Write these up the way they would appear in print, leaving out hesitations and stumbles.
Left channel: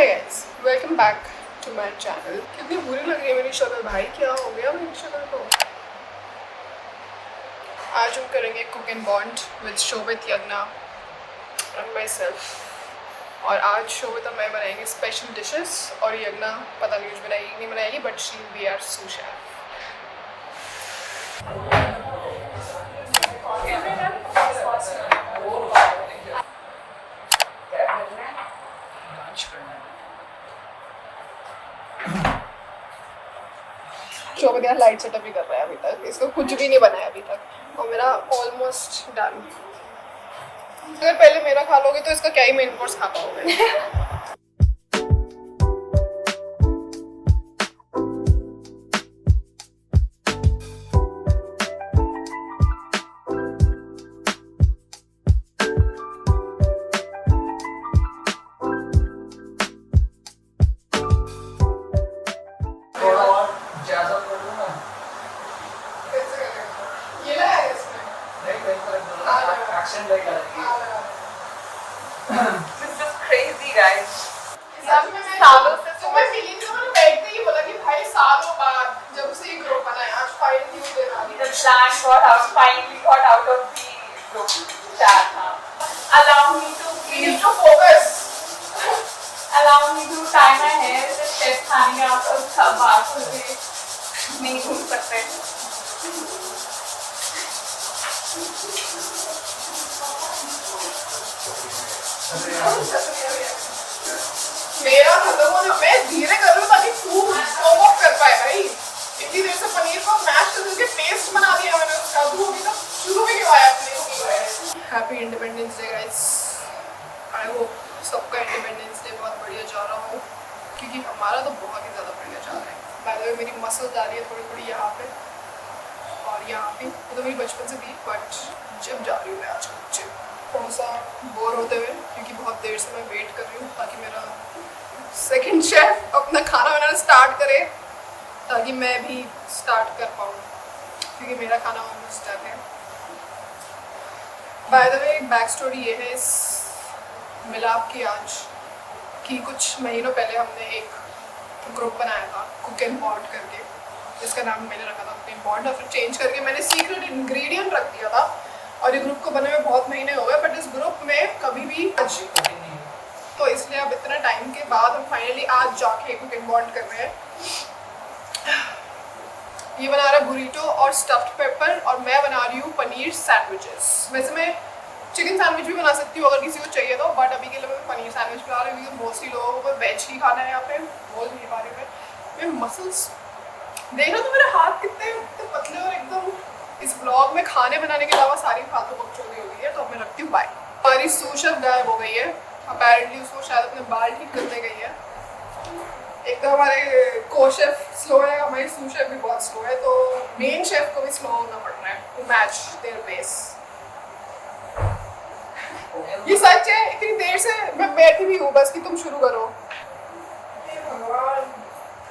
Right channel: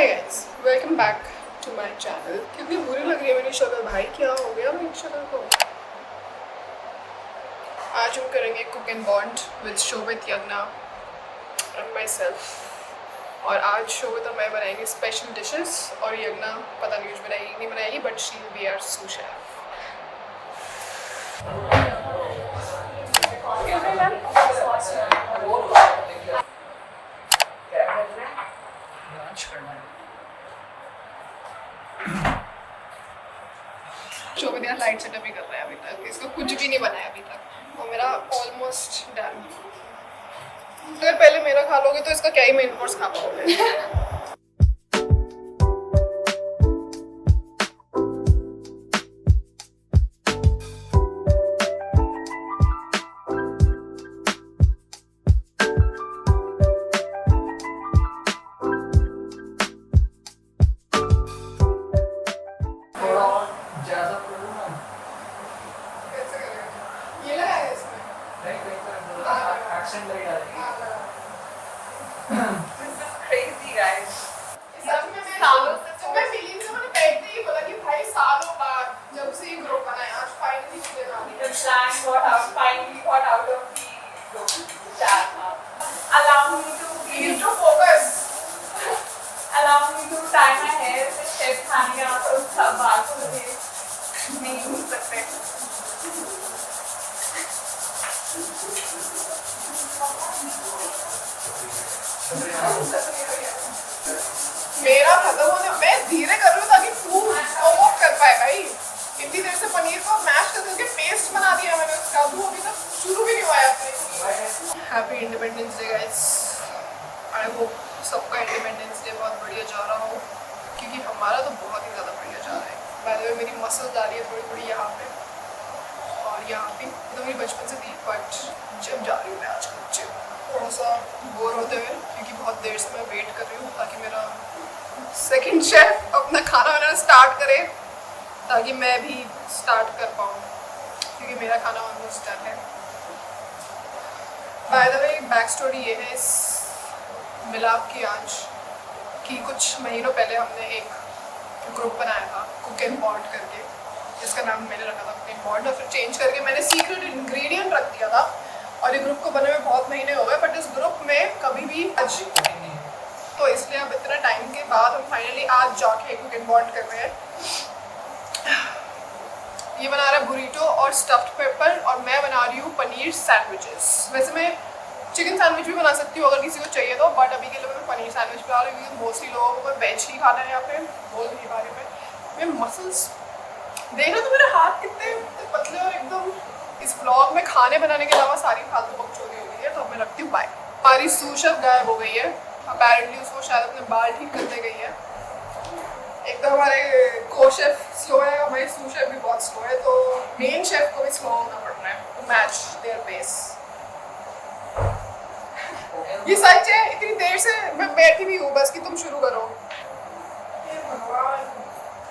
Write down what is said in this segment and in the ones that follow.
Hi guys, welcome back to my channel. कितनी बुरी लग रही है मेरी शक्ल भाई, क्या हो गया मेरी शक्ल को। आज हम करेंगे cook and bond with Shobhit, Yagya and myself. और आज शोभित और मैं बनाएंगे स्पेशल डिशेस और यज्ञा पता नहीं कुछ बनाएगी नहीं बनाएगी, but she will be our sous chef. Shobhit यार लाइट सेटअप ही कर रहा है अभी तक, इसको कुछ भी नहीं बनाया अभी तक और मेरा ऑलमोस्ट डन। अगर पहले मेरा खा लोगे तो इसका क्या ही मेन कोर्स खा पाओगे। Allow me to tie my hair. The chef खाने का उसका बात होके नहीं घूम सकते। मेरा खत्म होने, मैं धीरे कर रही हूँ ताकि तू वो कर पाए भाई। इतनी देर से पनीर को मैश करके पेस्ट बना दिया मैंने उसका, तू अभी तक शुरू भी नहीं हुआ है अपने। Happy independence day guys. I hope सबका इंडिपेंडेंस डे बहुत बढ़िया जा रहा हो, क्योंकि हमारा तो बहुत ही ज़्यादा बढ़िया जा रहा है। बाय द वे मेरी मसल जा रही है थोड़ी थोड़ी यहाँ पे और यहाँ पे, वो तो मेरी बचपन से थी, बट जिम जा रही हूँ मैं आजकल जिम। थोड़ा सा बोर होते हुए, क्योंकि बहुत देर से मैं वेट कर रही हूँ ताकि मेरा सेकंड शेफ अपना खाना बनाना स्टार्ट करे, ताकि मैं भी स्टार्ट कर पाऊँ, क्योंकि मेरा खाना ऑलमोस्ट डन है। बाय द वे एक बैक स्टोरी ये है इस मिलाप की आज, कि कुछ महीनों पहले हमने एक ग्रुप बनाया था कुक एंड बॉन्ड करके, जिसका नाम मैंने रखा था कुक एंड बॉन्ड, और फिर चेंज करके मैंने सीक्रेट इंग्रेडिएंट रख दिया था। और ये ग्रुप को बने में बहुत महीने हो गए, बट इस ग्रुप में कभी भी आज, तो इसलिए अब इतना टाइम के बाद हम फाइनली आज जाके कुक एंड बॉन्ड कर रहे हैं। ये बना रहा है बुरीटो और स्टफ्ड पेपर, और मैं बना रही हूँ पनीर सैंडविचेस। वैसे मैं चिकन सैंडविच भी बना सकती हूँ अगर किसी को चाहिए तो, बट अभी के लिए मैं पनीर सैंडविच बना रही हूँ, क्योंकि मोस्टली लोगों को वेज ही खाना है यहाँ पे, बोल नहीं पा रही मैं मसल्स देख रहा हूँ तो मेरे हाथ कितने पतले और एकदम। इस ब्लॉग में खाने बनाने के अलावा सारी फालतू बकचोदी हो गई है, तो अब मैं रखती हूँ बाय। हमारी सूशर गायब हो गई है, अपेरेंटली उसको शायद अपने बाल ठीक करने गई है। एक तो हमारे को शेफ स्लो है, हमारी सूशर भी बहुत स्लो है, तो मेन शेफ को भी स्लो होना पड़ रहा है टू मैच देयर पेस। ये सच है, इतनी देर से मैं बैठी भी हूँ बस कि तुम शुरू करो।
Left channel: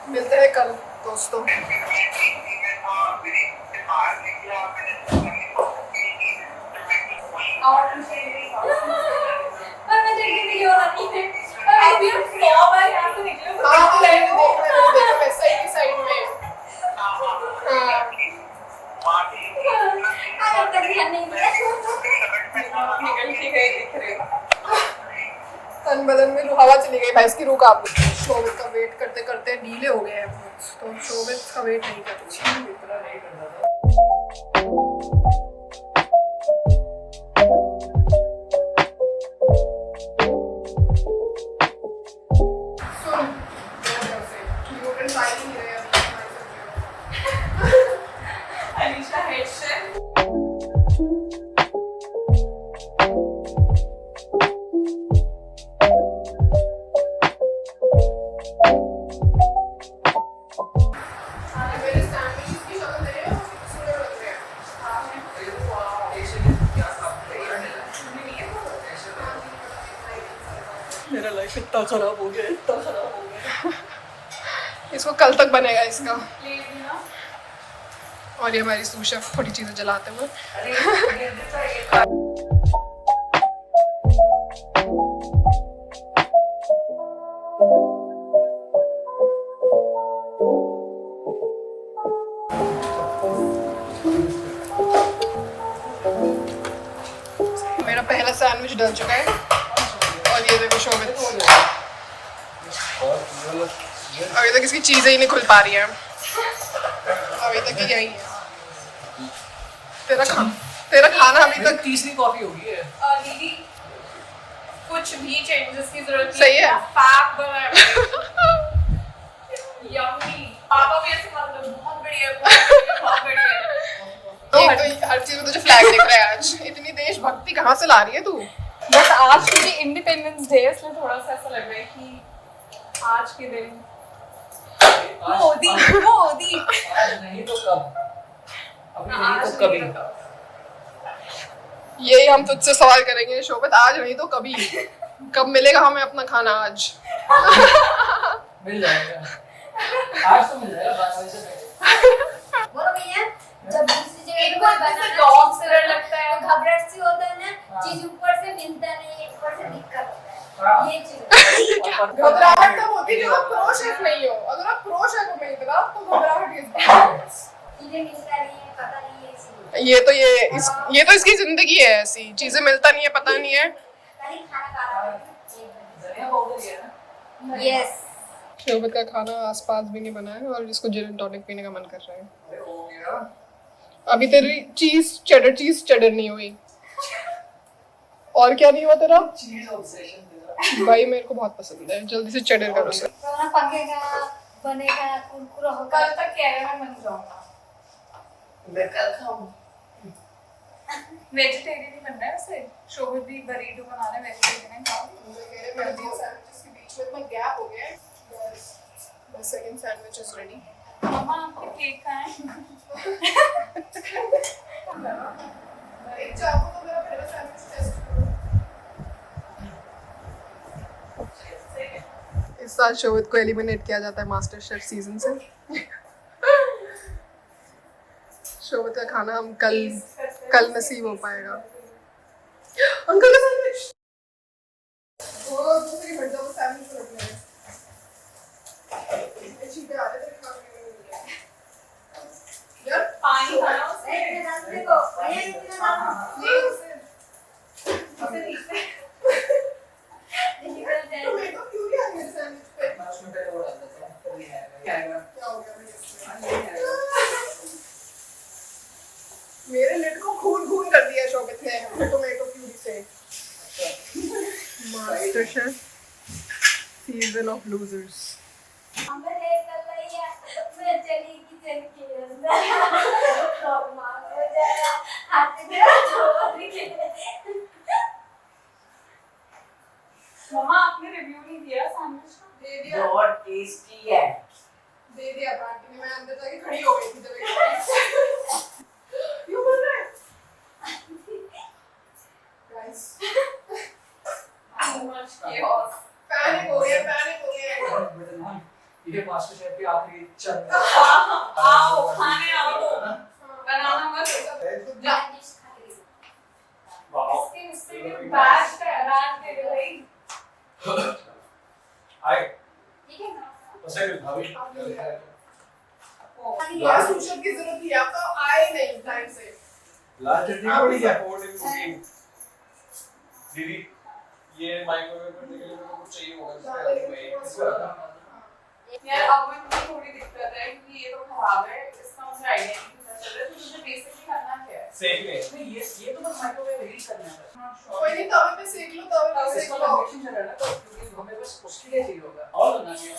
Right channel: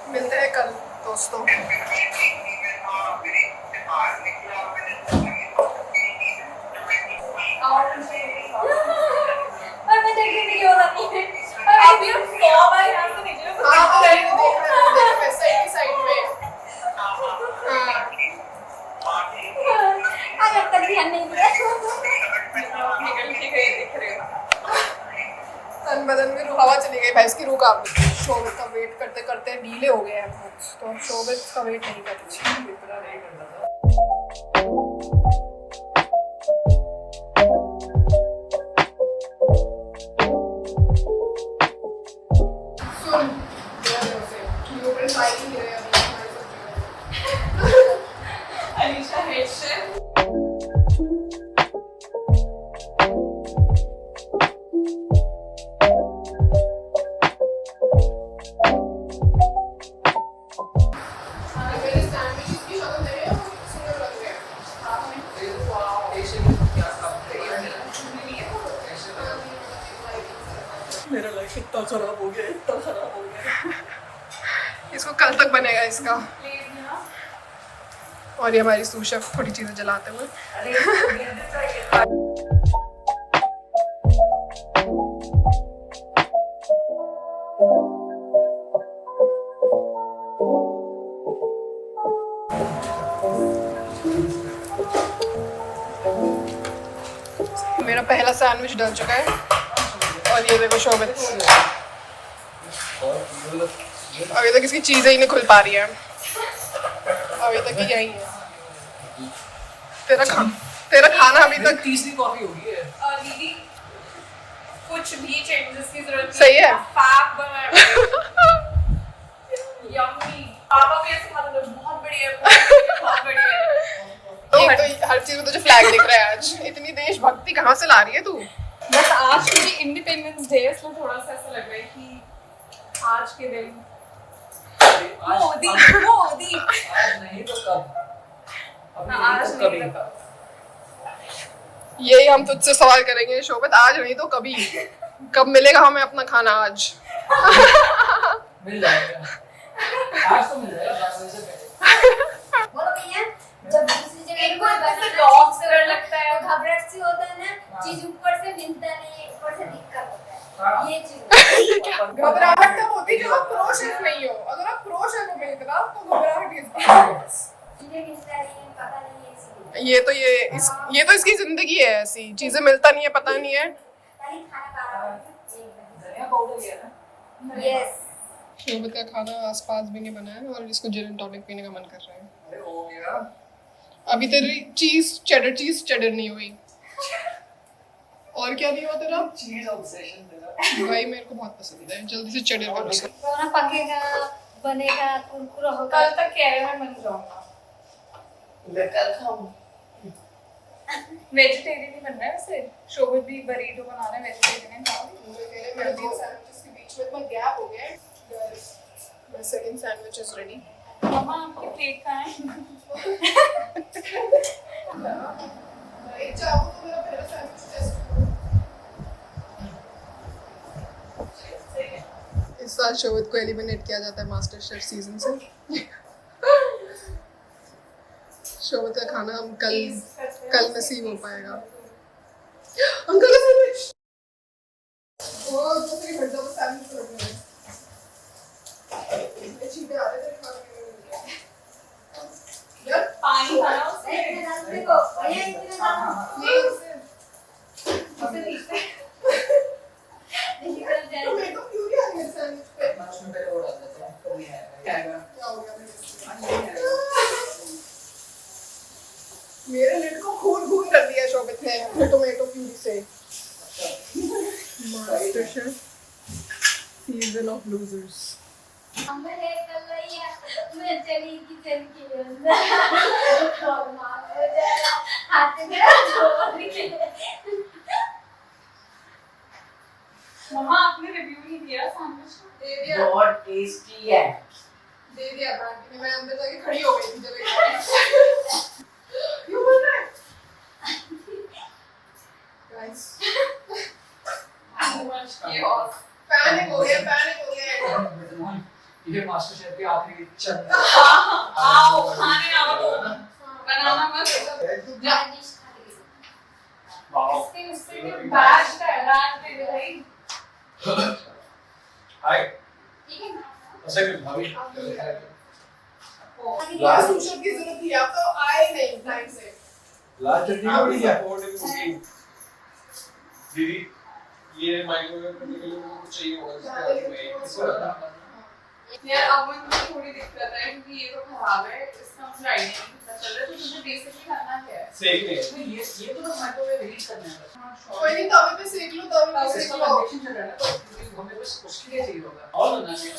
मिलते हैं कल दोस्तों। तन बदन में हवा चली गई भाई, इसकी रूह कांप गई। शोभित का वेट करते करते ढीले हो गए हैं बहुत, तो शोभित का वेट नहीं करती। इतना नहीं करना था। मेरा लाइफ इतना खराब हो गया, इतना खराब हो गया। इसको कल तक बनेगा इसका। और ये हमारी सूश शेफ थोड़ी चीजें जलाते हुए। पहला सैंडविच डल चुका है और ये देखो शोभित अभी तक इसकी चीजें ही नहीं खुल पा रही है, अभी तक ही यही है। तेरा खाना अभी तक तीसरी कॉफी होगी है। दीदी कुछ भी चेंजेस की जरूरत नहीं सही है। फैब बना है यम्मी पापा भी ऐसे मतलब बहुत बढ़िया बहुत बढ़िया। एक तो हर चीज में तुझे फ्लैग दिख रहा है आज, इतनी देशभक्ति कहाँ से ला रही है तू? बस आज क्योंकि इंडिपेंडेंस डे इसलिए थोड़ा सा ऐसा लग रहा है कि आज के दिन मोदी आज नहीं तो कब? अभी नहीं तो कभी। यही हम तुझसे सवाल करेंगे शोभित, आज नहीं तो कभी, कब मिलेगा हमें अपना खाना? आज मिल जाएगा, आज तो मिल जाएगा 12 बजे से पहले। बोलो भैया, जब दूसरी जगह एक पे बार बनाना जैसे box करने लगता है। तो घबराहट सी होता है ना, चीज ऊपर से मिलता नहीं, ऊपर से दिक्कत होता है, ये चीज। घबराहट तब होती है जब आप प्रो शेफ नहीं हो। अगर आप प्रो शेफ हो मेरी तरह तो घबराहट चीजें मिलता नहीं है, पता नहीं है इसलिए। ये तो इसकी जिंदगी है, ऐसी चीजें मिलता नहीं है, पता नहीं है। कहीं खाना खा रहा धनिया पाउडर ये है ना? है। यस। शोभित का खाना आसपास भी नहीं बना है और इसको जिन एंड टॉनिक पीने का मन कर रहा है। अरे हो गया। अभी तेरी चीज चेडर नहीं हुई। और क्या नहीं हुआ तेरा? चीज ऑब्सेशन मेरा। भाई मेरे को बहुत पसंद है, जल्दी से चेडर करो उसे। तो ना पकेगा, बनेगा, कुरकुरा होगा। कल तक कह रहे मैं बन जाऊंगा। मैं कल खाऊं। वेजिटेरियन ही बनना है वैसे। शोभित भी बरीडो बनाना है, वेजिटेरियन है खाओ। मेरे तीन सैंडविचेस के बीच में इतना गैप हो गया है। The second sandwich is ready. मम्मा आपकी प्लेट कहाँ है? एक चाकू तो मेरा पहला सैंडविच टेस्ट करो। इस साल शोभित को एलिमिनेट किया जाता है मास्टर शेफ सीजन से। शोभित का खाना हम कल नसीब हो पाएगा। अंकल का सैंडविच। वो दूसरी हट जाओ, सैंडविच रखना है। चीटे आ रहे थे खाने के लिए। यार पानी खाना उसमें। नहीं, मैं डाल देखो, भैया इसमें डाल। ये उसे उसे ठीक है। निकल जाए। टोमेटो क्यों नहीं आ रही है सैंडविच पे? मैं उसमें पहले वो डाल देता हूँ, कभी आएगा। क्या आएगा? क्या हो गया मेरे इसमें? आज नहीं आएगा। मेरे लिड को खून कर दिया शोभित ने टोमेटो प्यूरी से। Master chef season of losers. हमें हेल्प कर रही है, मैं चली किचन के अंदर और मार हो जाएगा, हाथ में छोड़ के। मम्मा आपने रिव्यू नहीं दिया सैंडविच का? दे दिया बहुत टेस्टी है। बैंटी ने। मैं अंदर जाके खड़ी हो गई थी जब एक क्यों बोल रहा है guys? Too much chaos. Panic हो गया। ये मास्टर शेफ की आखिरी चंद। आओ खाने आओ। बनाना मत। गार्निश खा के देखो। वाओ। उससे बैच का रात पे भाई। हाय ठीक है ना? कैसे भी भाभी लास्ट पुशअप की जरूरत थी, आप तो आए नहीं टाइम से। लास्ट चटनी को नहीं सपोर्ट इन कुकिंग दीदी। ये माइक्रोवेव में वो चाहिए होगा इसका। यार अब मुझे थोड़ी दिक्कत है क्योंकि ये तो खराब है, इसका मुझे आइडिया नहीं पता चल रहा है। तो मुझे बेसिकली करना क्या है? सेक ले। नहीं ये तो बस माइक्रोवेव हीट करना है बस। कोई नहीं, तवे पे सेक लो, तवे पे सेक इसका लो। कन्वेक्शन चल रहा है ना, तो हमें बस उसके लिए चाहिए होगा और बनाने है।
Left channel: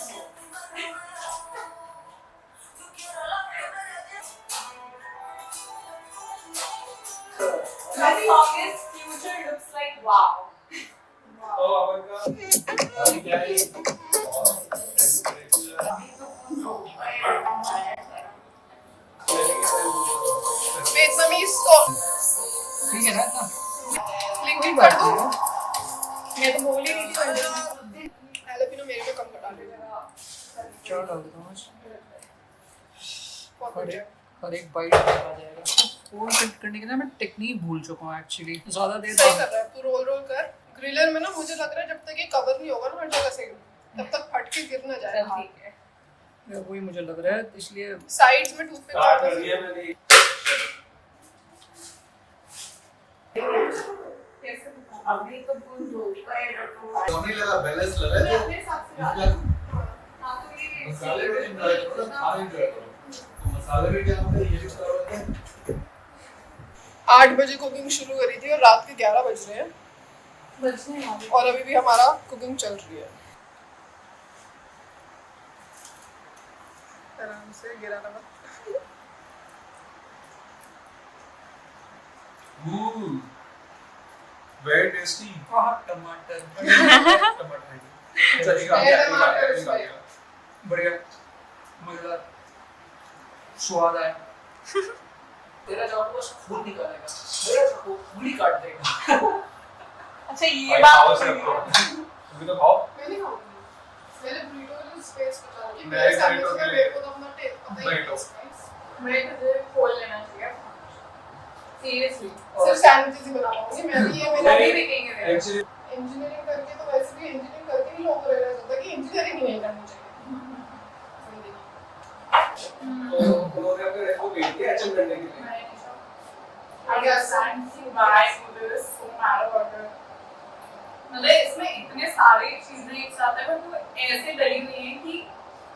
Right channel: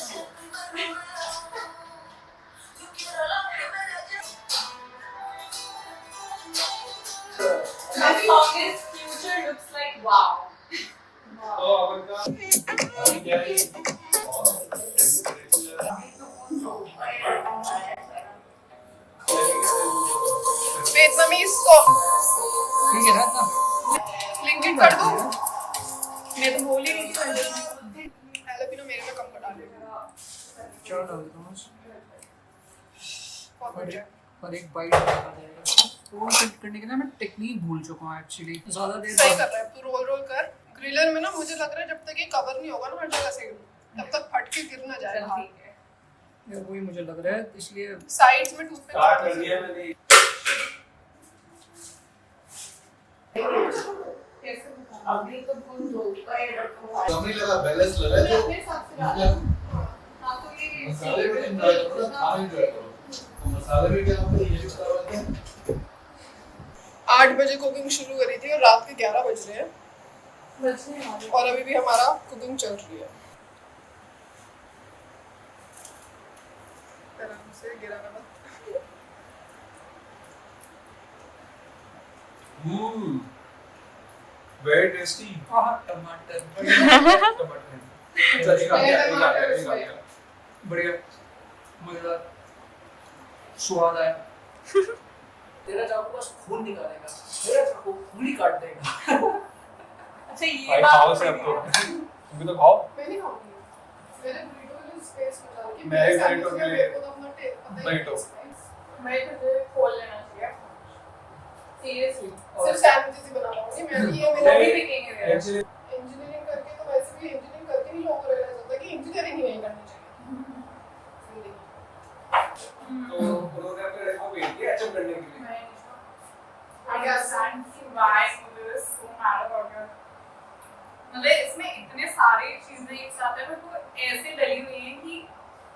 The longest future looks like wow. तो अपन का अभी क्या है? वियतनामीज को ठीक है ना इतना? लिंकिंग कर दो। मैं तो बोल ही रही थी पहले। हैलोपिनो मेरे में कम कर डालो। क्या डाल दूँ बस? बहुत बढ़िया। हर एक बाइट आ जाएगा। रोल फिट करने के लिए मैं टेक्निक भूल चुका हूँ एक्चुअली। ज़्यादा देर सही कर रहा है तू, रोल कर। ग्रिलर में ना मुझे लग रहा है जब तक ये कवर नहीं होगा ना हर जगह से, तब तक फट के गिर ना जाए। चल ठीक है। वही मुझे लग रहा है, इसलिए साइड्स में टूथपिक स्टार्ट कर दिया मैंने। कैसे अभी तो तुम धोखा है रखो। कमी लगा बैलेंस लगा मैंने तो अपने हिसाब से डाला। इनका हाँ तो ये मसाले भी एंजॉय करो खाने एंजॉय करो तो मसाले भी क्या हम ये यूज करवाते हैं 8 बजे कुकिंग शुरू करी थी और रात के 11 बज रहे हैं बचने वाली। और अभी भी हमारा कुकिंग चल रही है। आराम से गिरा रहा। वेरी टेस्टी टमाटर टमाटर चलिए आ गया बढ़िया मजेदार स्वाद आया। तेरा चाकू बस खून निकालेगा, मेरा चाकू उंगली काट देगा। अच्छा ये भाई बात खाओ तो है। सबको ये खाओ मैंने खाऊंगी। मैंने burrito में स्पेस बचा कि मैं मेरे burrito सैंडविच के का लिए- मेरे को तो अपना पता ही नहीं burrito। है। मैं तुझे खोल लेना चाहिए सीरियसली। सिर्फ सैंडविचेस ही बना पाऊंगी मैं भी ये मेरा अभी बिकेंगे तेरे। एक्चुअली इंजीनियरिंग करके तो वैसे भी इंजीनियरिंग करके ही लोगों को लग रहा होता है कि इंजीनियरिंग ही नहीं करनी चाहिए। उन्होंने अपने रेट को भेज दिया एचएम करने के लिए I understand why मुझे so mad about it. मतलब इसमें इतने सारे चीजें एक साथ है पर वो ऐसे डली हुई है कि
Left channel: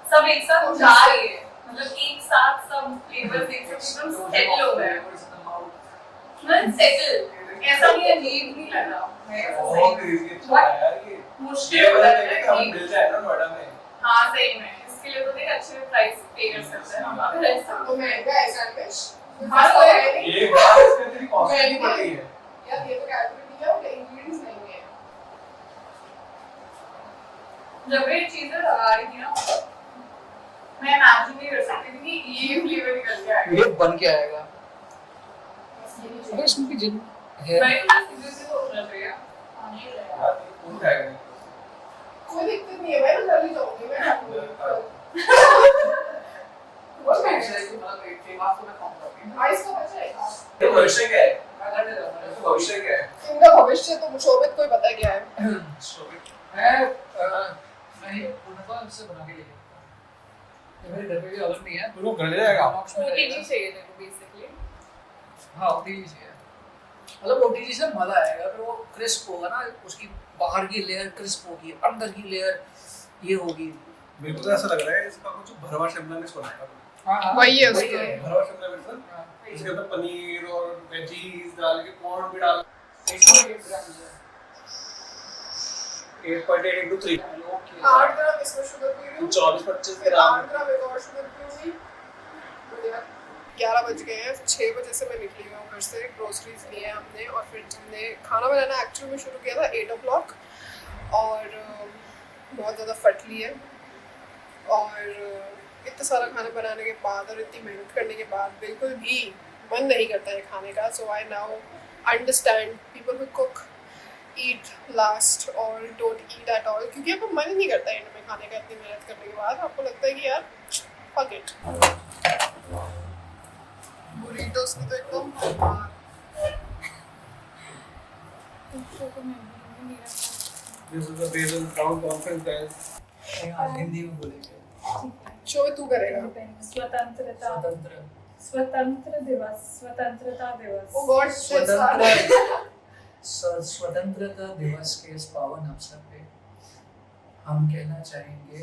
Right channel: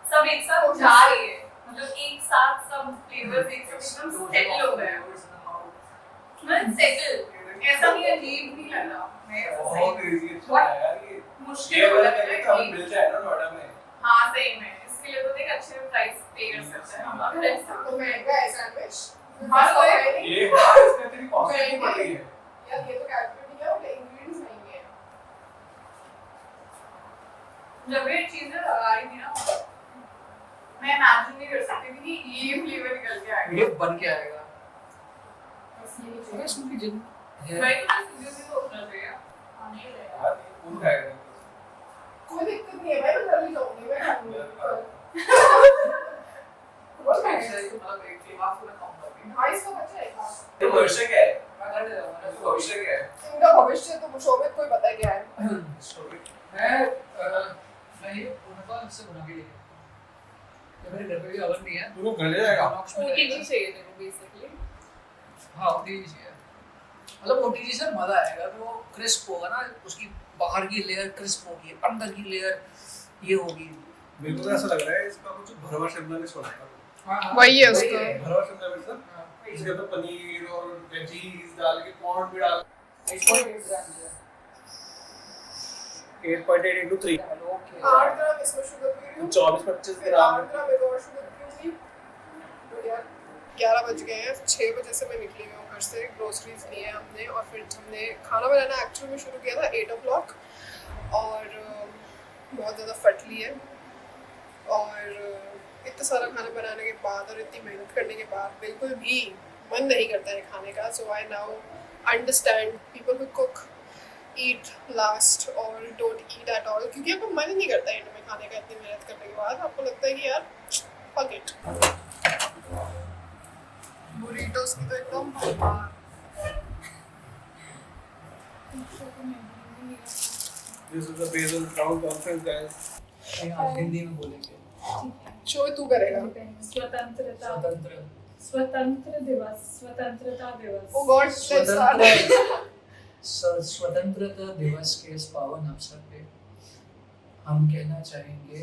सब एक साथ जा रही है। मतलब एक साथ सब फ्लेवर्स एक साथ एकदम सेटल हो गए हैं। मतलब सेटल ऐसा नहीं अजीब नहीं लग रहा। मैं ऐसा बहुत सही इजी अच्छा है यार ये मुश्किल हो वाला जाता है कि हम है। मिल जाए ना नोएडा में हाँ सही में इसके लिए तो देख अच्छे प्राइस पे कर सकते हैं हम अगर ऐसा तो महंगा है सैंडविच। हाँ, तो है। ये बात इसके तेरी कॉस्ट पड़ गई है यार ये तो कैलकुलेट किया और इंग्रेडिएंट्स नहीं है। जब ये चीजें लगा रही थी ना मैं इमेजिन नहीं कर सकती थी कि ये फ्लेवर निकल के आएगा। ये बन के आएगा। बस ये अरे चीज़। इसमें भी जिन है मैं तो बस सीधे से सोच रहा था आने ही जाएगा। यार कौन खाएगा कोई दिक्कत नहीं है मैं तो कर ही जाऊंगी मैं खाऊंगी। बस मैं इसलिए कि मतलब एक टीम आपको मैं खाऊंगा। भाई इसका बच्चा है क्या? तो भविष्य क्या है मैं करने जाऊंगा तो भविष्य क्या है इनका भविष्य तो शोभित कोई पता है क्या है। मैं ये पूर्णतः से बना के लेके ये मेरे घर पे भी अवन नहीं है। तू घर ले जाएगा ओटीजी चाहिए तेरे को बेसिकली। हाँ ओटीजी से मतलब ओटीजी से मजा आएगा तो वो क्रिस्प होगा ना उसकी बाहर की लेयर क्रिस्प होगी अंदर की लेयर ये होगी। मेरे को तो ऐसा लग रहा है इसका कुछ भरवा शिमला मिर्च बनाएगा हाँ वही है उसका। भरवा शिमला मिर्च ना हाँ, इसके अंदर पनीर और वेजीज डाल के कॉर्न भी डाल 8.8 into 3 8 ग्राम इसमें शुगर की हुई 24-25 फिर ग्राम 8 ग्राम एक और शुगर की हुई। बढ़िया। 11 बज गए हैं 6 बजे से मैं निकली हुई हूँ घर से ग्रोसरीज लिए हमने और फिर हमने खाना बनाना एक्चुअली में शुरू किया था 8 o'clock और बहुत ज़्यादा फट ली है और इतना सारा खाना बनाने के बाद और इतनी मेहनत करने के बाद बिल्कुल भी मन नहीं करता है खाने का। So I now understand people who cook eat last or don't eat at all क्योंकि आपको मन ही नहीं करता एंड में खाने का इतनी मेहनत करने के बाद आपको लगता है कि यार फक इट। बुरीटोस की तो एकदम भरमार। This is the basil brown conference guys Hindi में बोलेंगे शो तू करेगा। स्वतंत्रता स्वतंत्र स्वतंत्र दिवस स्वतंत्रता दिवस। ओ गॉड स्वतंत्रता दिवस के इस पावन अवसर पे हम कहना चाहेंगे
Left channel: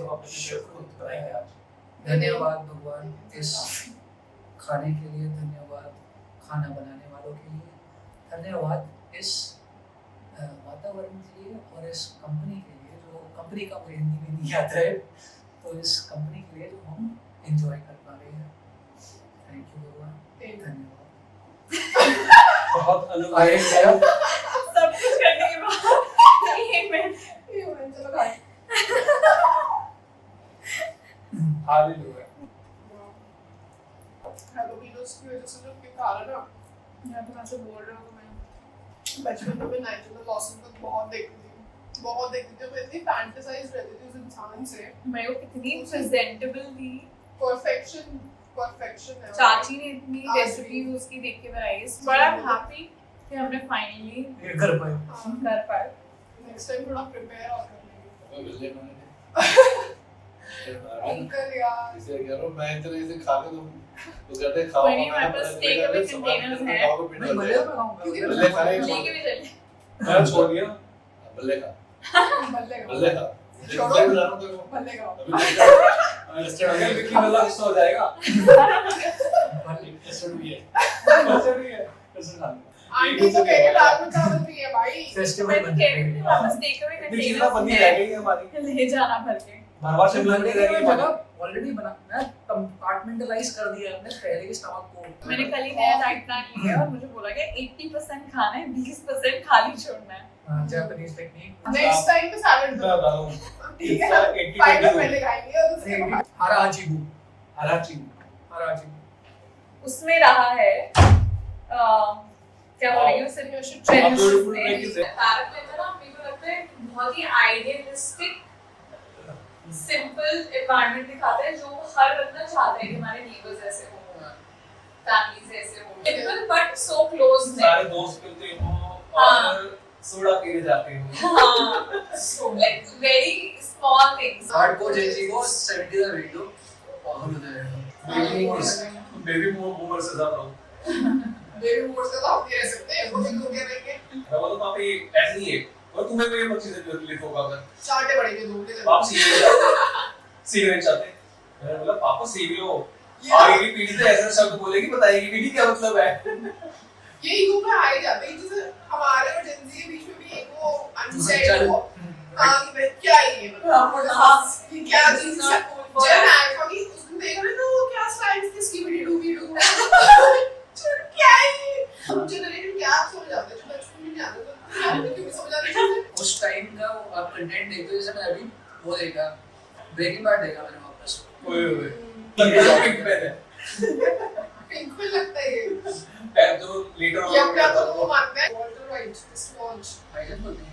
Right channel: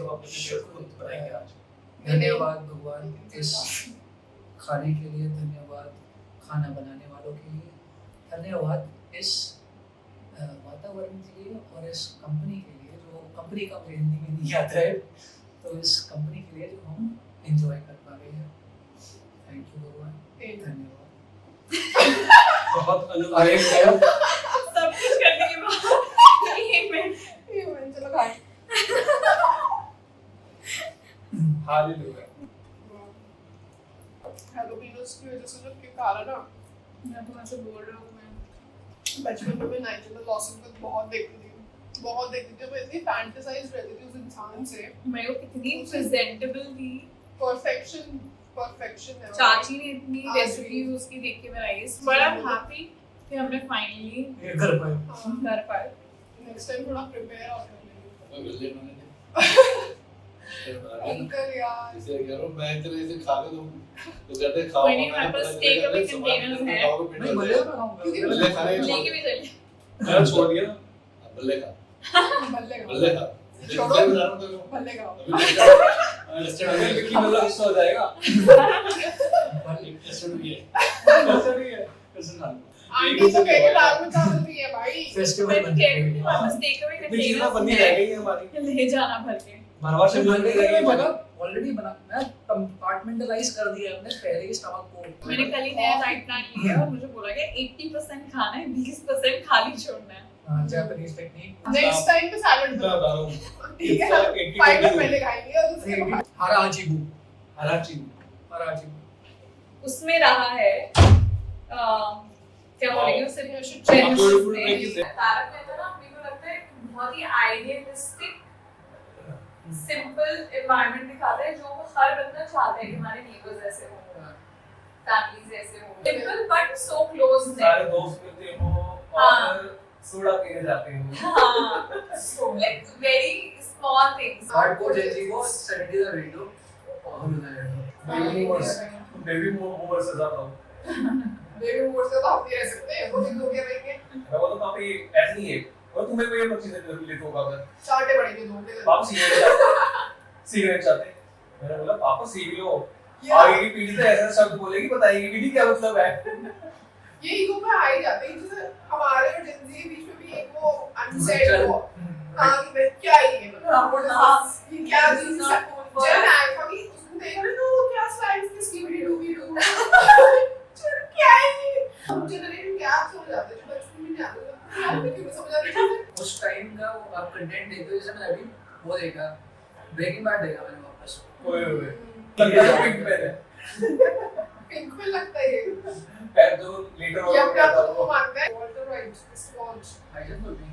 धन्यवाद भगवान इस खाने के लिए, धन्यवाद खाना बनाने वालों के लिए, धन्यवाद इस वातावरण के लिए और इस कंपनी के लिए जो कंपनी का मुझे हिंदी में नहीं आता है तो इस कंपनी के लिए जो हम एंजॉय कर पा रहे हैं। थैंक यू भगवान, धन्यवाद। बहुत आए अनुदायक है सब कुछ करने के बाद ये मैं चलो खाए। हालेलुया हैलोपिनोस की वजह से जो केक आ रहा है ना मैं तो ऐसे बोल रहा हूँ मैं बचपन में मैं नाइजेरिया लॉस एंजल्स बहुत देखती थी मैं इतनी फैंटेसाइज रहती थी उस इंसान से। मैं वो कितनी प्रेजेंटेबल थी। परफेक्शन है चाची ने इतनी आज भी। रेसिपी उसकी देख के बनाई बट आई एम हैप्पी कि हमने फाइनली ये कर पाए कर पाए। नेक्स्ट टाइम थोड़ा प्रिपेयर और कर लेंगे। मिल ले मैंने अंकल यार इसे कह रहा हूं मैं इतने इसे खाने दूं तो कहते खाओ कोई नहीं, हमारे पास steak अभी containers हैं। नहीं मजे में खाऊंगा क्योंकि ले खाए लेके भी चले मैं छोड़ दिया बल्ले का बल्ले का बल्ले का छोड़ो। बता रहा हूँ तेरे को बल्ले का अभी अंडरस्टैंड अगर विक्की बल्ला गुस्सा हो जाएगा अंडरस्टैंड भी है कैसे खा आंटी को कह के दाल में चावल भी है भाई। फेस्टिवल मैं तो कह रही थी वापस टेक अवे इतनी चीज़ें बनी रह गई है हमारी ले जाना भर के। भरवा से बन रही है ऑलरेडी बना मैं कंपार्टमेंटलाइज कर दिया हमने पहले ही स्टमक को। मैंने कल ही नया डाइट प्लान लिया और मुझे बोला गया 80% खाना है 20% खाली छोड़ना है। जापानीज टेक्निक नेक्स्ट टाइम पे सैलेड मैं बता रहा हूँ ठीक है ना, फाइबर पहले खाएंगे और उसके बाद हराजीबू उसमें रहा है क्या बोलेंगे उसे आप beautiful make it Tarak Mehta ना मेरे को लगता है बहुत ही आइडियलिस्टिक सिंपल एनवायरनमेंट दिखाता है जो हर बंदा चाहता है कि हमारे नेबर्स ऐसे हो, फैमिलीज ऐसे हो, सिंपल बट सो क्लोज सारे दोस्त मिलते हो और सोडा पीने जाते हैं so like very small things hardcore जेजी को 70 का रेट लो बहुत होता बेबी बूमर से ज्यादा हूँ बेबी मोड से तो हम नहीं रह सकते, वो एक दो के रहेंगे, मैं बोलता हूँ पापी ऐसे नहीं है और तुम्हें कोई ये चीजें कर लेते होगा अगर चाटे पड़ेंगे दो के आप सिगरेट चाहते मैंने बोला पापा सीख लो ये आगे की पीढ़ी तो ऐसा शब्द बोलेगी बताएगी पीढ़ी क्या मतलब है ये ईगो पे आ ही जाते हैं, जैसे हमारे और जेनजी के बीच में भी एक वो अनसेड वो हाँ कि भाई क्या ही है मतलब ये क्या चीज है जन आएगा कि उसको देख रहे तो वो क्या स्लाइड्स थी स्कीबिडी डूबी डू क्या है हम जनरेशन गैप हो जाते हैं जो बचपन में नहीं आते थे यार क्यों नहीं समझ आ रही चीजें उस टाइम का आप कंटेंट देखते हो जैसे मैंने अभी वो देखा ब्रेकिंग बैड देखा मैंने वापस ओए ओए लगता है पिंक में पिंक में लगता है ये है तो लीडर ये अपना तो वो मानता है वॉल्टर वाइट जस्ट वॉच भाईजान बोलती है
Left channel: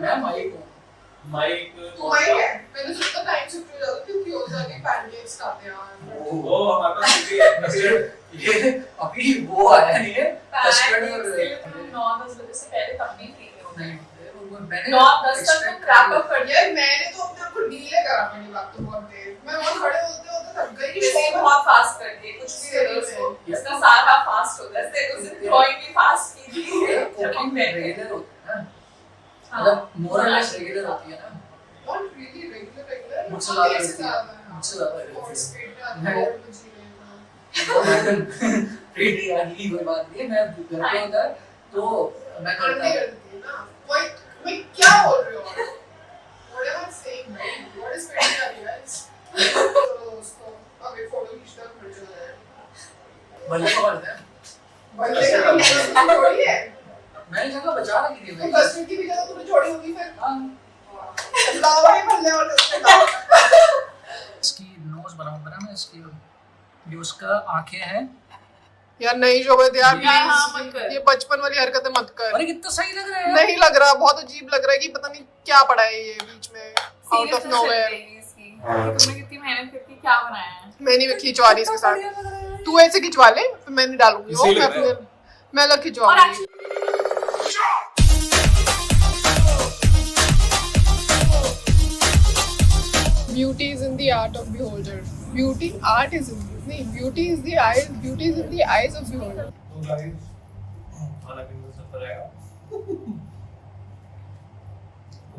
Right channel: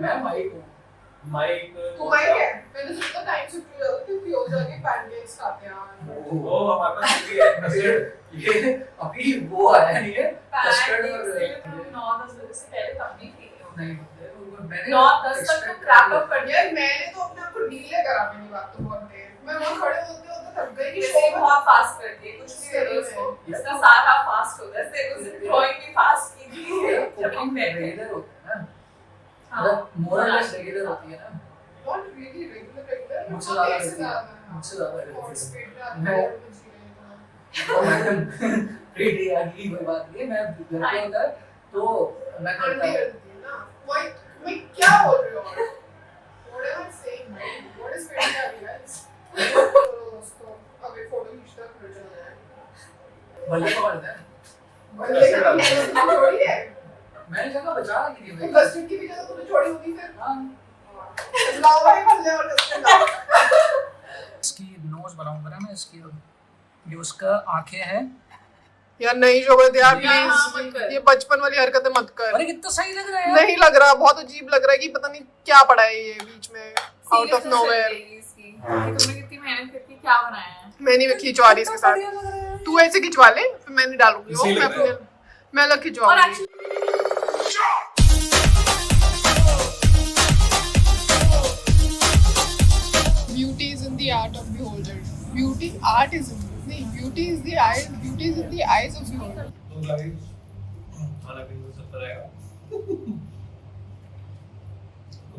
मैं माइक हूँ माइक तू माइक है मैंने सोचा टाइम शिफ्ट हो जाता क्योंकि हो जाएंगे पैनकेक्स खाते हैं वो हमारे पास ये अभी वो आया नहीं है कस्टर्ड पैन से तुम 9-10 बजे से पहले तब नहीं थी नहीं मैंने 9-10 तक तो क्रैप अप कर दिया यार मैंने तो अपने आप को डीले करा अपनी बात तो बहुत देर मैं वहां खड़े होते होते थक गई कि ये बहुत फास्ट करती है कुछ भी करो उसको इसका सारा फास्ट होता है से उसे ड्राइंग भी फास्ट की थी जब मैं रेगुलर होता है ना मतलब मोर और लेस रेगुलर होती है ना नॉट रियली रेगुलर मुझसे मुझसे ज्यादा ज्यादा मुझसे ज्यादा मैं प्रीटी आदि की कोई बात नहीं है मैं घर पे होता है तो मैं करता हूँ ना वही मैं क्या बोल रही हूँ what am I saying what is pretty आदि guys दोस्तों अबे फोटो खींचना फिर चलना है बल्ले को करता है बल्ले का काम छोड़ी है मैंने जगह बचा रखी थी तो कस्टर्ड की भी जगह तूने छोड़ी होगी फिर हाँ लावा ही बल्ले और कस्टर्ड इसकी नोज बनाऊंगा ना मैं इसकी ये उसका आंखें हैं यार नहीं शोभित यार हाँ, मत प्लीज कर। ये बचपन वाली हरकतें मत कर अरे कितना सही लग रहा है यार नहीं लग रहा बहुत अजीब लग रहा है कि पता नहीं क्या पड़ा है ये बीच में आउट ऑफ नोवेयर तुमने कितनी मेहनत करके क्या बनाया है मैं नहीं खिंचवा रही इसके साथ बढ़िया लग रहा है तू ऐसे खिंचवा ले फिर मैं नहीं डालूंगी वो इसीलिए मैं अपने मैं अलग और खिंचवाऊंगी Beauty is in the art of beholder. Beauty, art is in नहीं. Beauty is the eyes. Beauty is in the eyes of beholder. तो गाइस खाना पीना सब पर आएगा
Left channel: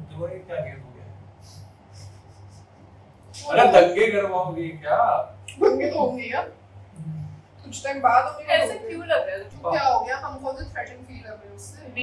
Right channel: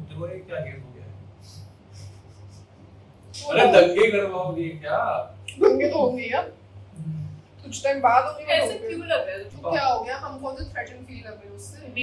तो वो क्या गेम हो गया अरे दंगे करवाओगी क्या दंगे तो होंगे यार. कुछ टाइम बाद होंगे. ऐसे क्यों लग रहा है क्या हो गया? हमको तो थ्रेटन फील कर रहे हैं उससे.